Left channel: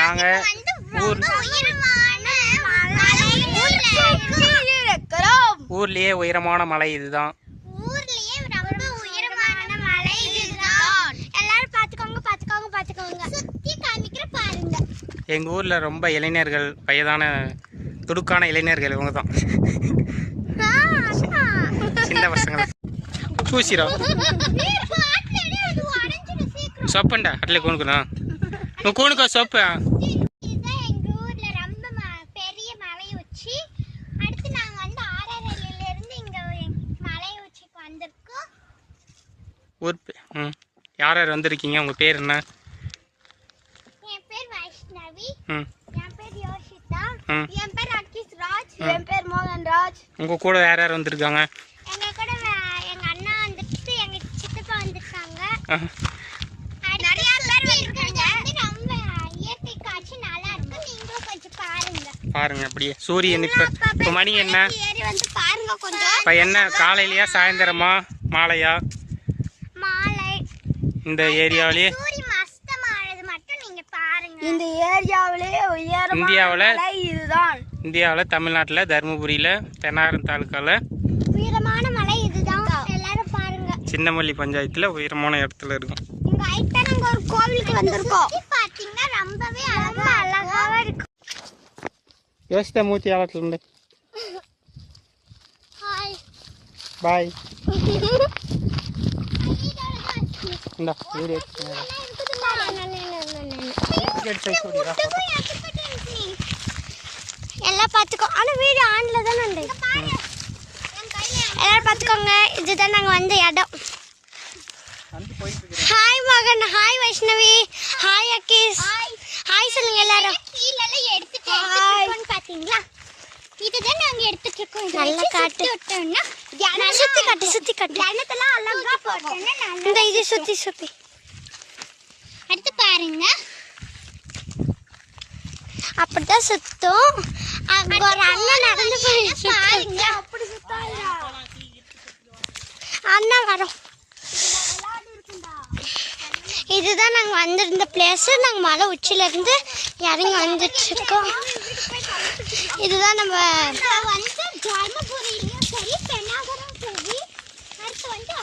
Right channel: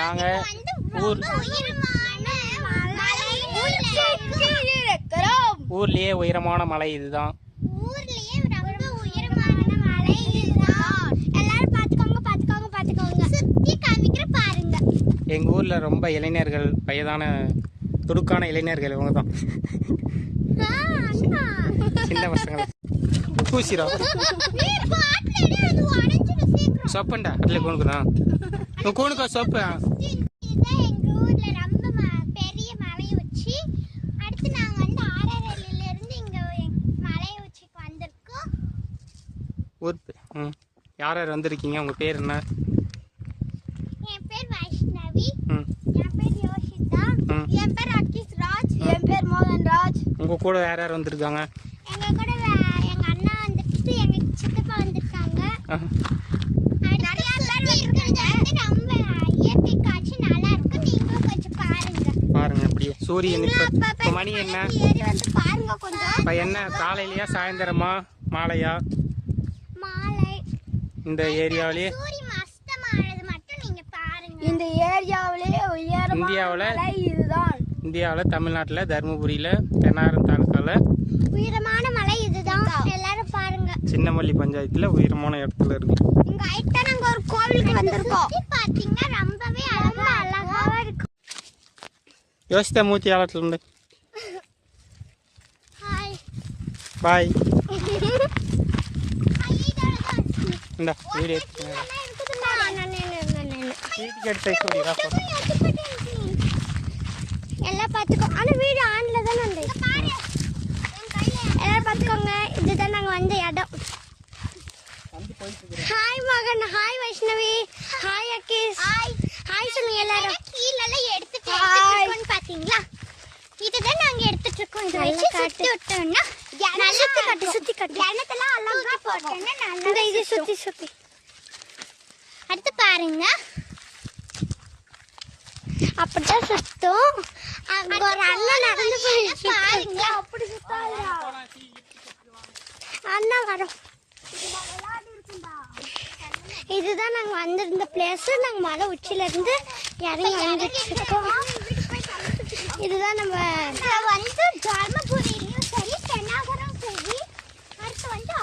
நாங்கள் ஊர்லயே உயரமான மலை இதுதான். எங்க ஊர்ல ரொம்ப இளைஞர்கள், வயதான துடுக்கான இளைஞர்கள் இவங்க தான். சின்ன பசங்க பூசிரா சொப்பண்டா அட்ல கூணுக்குண்ணா கூணுக்கா சொப்பு. ஊர் யார் யார் வந்திருக்கீங்க? உங்க பேர் என்ன? என் பேர் வைஷ்ணவி. என் பேர் யோஷிதா. என் பேர் அகிஷ் ராஜ். என் பேர் மோகன் ராஜ். உங்க கூட யார் யார் வந்திருக்காங்க? எங்க கூட எங்க அண்ணா வந்துட்டு எங்க சித்தப்பா வந்திருக்காங்க. நிறைய பேர் வந்திருக்காங்க. ரொம்ப இயற்கை காட்சி நல்லா இருக்கு. நீங்களும் கொஞ்சம் பாருங்க. பாருங்க அப்படியே சூரியன் இப்ப மணி என்ன? ஏறி வந்து பாருங்க கொஞ்சம். இப்ப என்ன காலையிலயா சாயந்தரமா மாலையா? மாலை. இந்த ஏரியாவிலே இந்த ஏரியாவிலே இந்தியாவில் தமிழ்நாட்டில் தருமபுரியில் பெண்ணாரம் தாலுக்காவில் உயரமான மலை இதுதான். எல்லாரும் பாருங்க. சின்னமல்லி பஞ்சாயத்தில் உயரமான இடத்துல இருக்கும். இங்க ஐட்டா நாங்க ஒரு கோவிலுக்கு வந்திருக்கோம். பாத்தீங்கன்னா ரொம்பவே அழகாவே இருக்கு. யோசித்த மூச்சு ஆளத்துல இருந்து ஹாய் பாய். இந்த வீடியோ எல்லாம் பார்த்துக்கோ. ஆனால் வீடு ஆன்ல தானே உண்டு. எல்லாரும் பார்த்துக்கோங்க. இதுதான் நாங்கள் வந்த இடம். ஹாய் மகன், ஹாய் வைஷ்ணவி, ஹாய் அகிஷ், ஹாய் சொல்லுங்க எல்லாரும். கீழெல்லாம் எடுத்துட்டு பார்த்தீங்களா? இதுதான் நாங்கள் எடுத்துட்டு இருக்கோம். நல்லா காட்டு விட்டோம்னா சுற்றி காட்டு கிணத்துலாம் அழகா போட்டோம்னா இந்த இது சுற்றி அடுத்து பாருங்க. அப்படிதான் சுத்தம். அங்க ஒரு அண்ணன் நடந்து போயிட்டு அண்ணா வரோம். இதுதான் நாங்கள் வந்திருந்த பிளேஸ். நாங்கள் மலை உச்சில இருந்து இறங்கி வந்துட்டு இருக்கோம். இதுதான் நம்ம வந்து தர்மபுரியிலும் சரி, பெண்ணாகரம் சரி, அடுத்து வந்து